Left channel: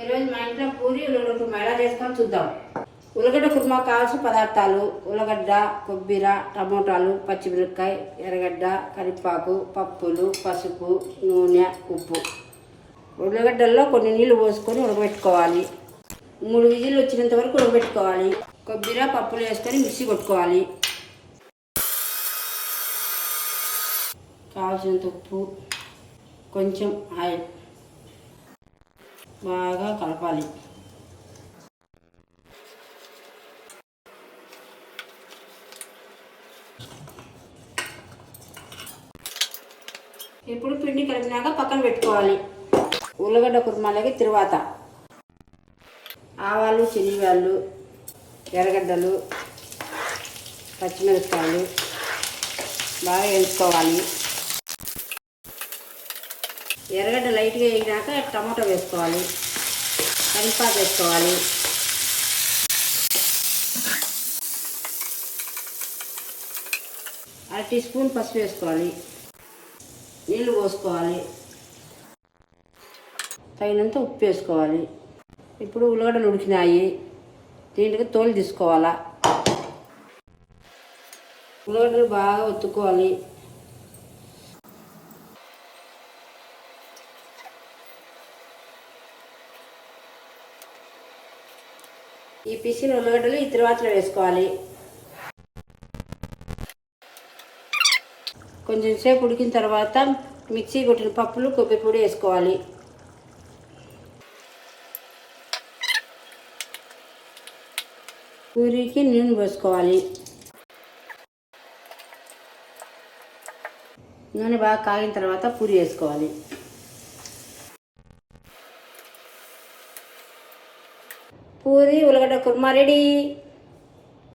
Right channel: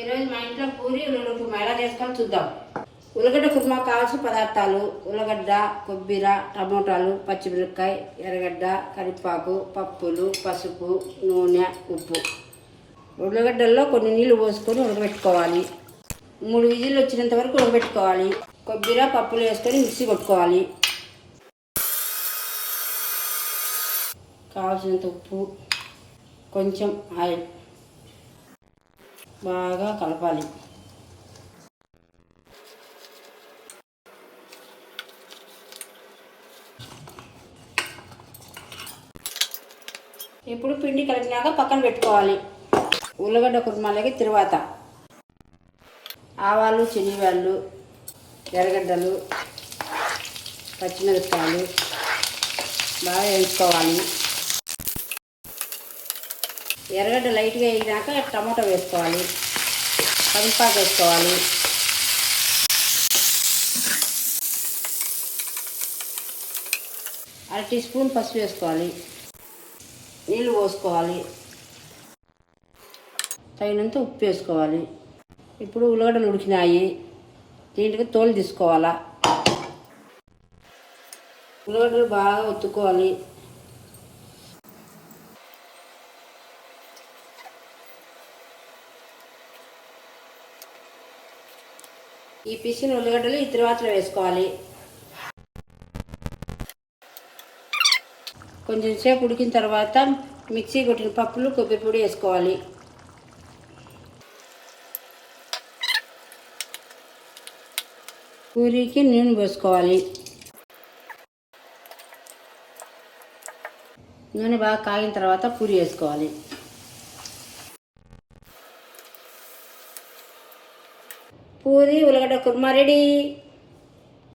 ఈరోజు మా ఇంట్లో పూరి ఉల్లగడ్డ కుర్మా ఎలా చేసుకొని చూద్దాం. ఉల్లగడ్డ కుర్మా కావాల్సిన పదార్థాలు: ఉల్లగడ్డ, కొబ్బరి, టమోటాలు, పచ్చిమిరపకాయ, ఎర్రగడ్డ, కరివేపాకు, పప్పులు, పసుపు, నూనె, ఉప్పు. ఉల్లగడ్డల్లో కొన్ని నీళ్లు పోసుకొని ఉడకబెట్టుకోవాలి. 3 విజిల్లు వచ్చినంత వరకు ఉడకబెట్టుకోవాలి. కొబ్బరి, పప్పులు వేసుకొని మిక్సీ కొట్టుకోవాలి. కావాల్సినంత ఉప్పు, కొంచెం ఆయిల్, బాగా కలపాలి. ఇప్పుడు పిండి కలిపినాక పక్కన పెట్టుకోవాలి. ఉల్లగడ్డ కుర్మాలకి తరువాత ఆవాలు, శనగలు, ఎర్రగడ్డలు, పచ్చిమిరపకాయలు బాగా వేసుకోవాలి. ఎర్రగడ్డ లైట్గా వేగినాక టమాటో వేసుకోవాలి. కరివేపాకు వేసుకోవాలి. అర టీ స్పూన్ పసుపు వేసుకోవాలి. నీళ్ళు పోసుకోవాలి. తగినంత ఉప్పు వేసుకోవాలి. ఇప్పుడు ఉల్లగడ్డలు ఉడికినాయి. దీంట్కి తోలు తీసుకోవాలా. ఉల్లగడ్డలు బాగా ఒత్తుకోవాలి. ఈ పిసిని ఉల్లగడ్డలు ఈ తిరువాతలో వేసుకోవాలి. కొంచెం సేపు ఉడికిన తర్వాత మిక్సీ కొట్టిన పప్పులు, కొబ్బరి పొడి వేసుకోవాలి. పూరికి నూనె పోసుకోవాలి. నూనె బాగా కాగిన తర్వాత పూరి వేసుకోవాలి. పూరి ఉల్లగడ్డ కుర్మా రెడీ.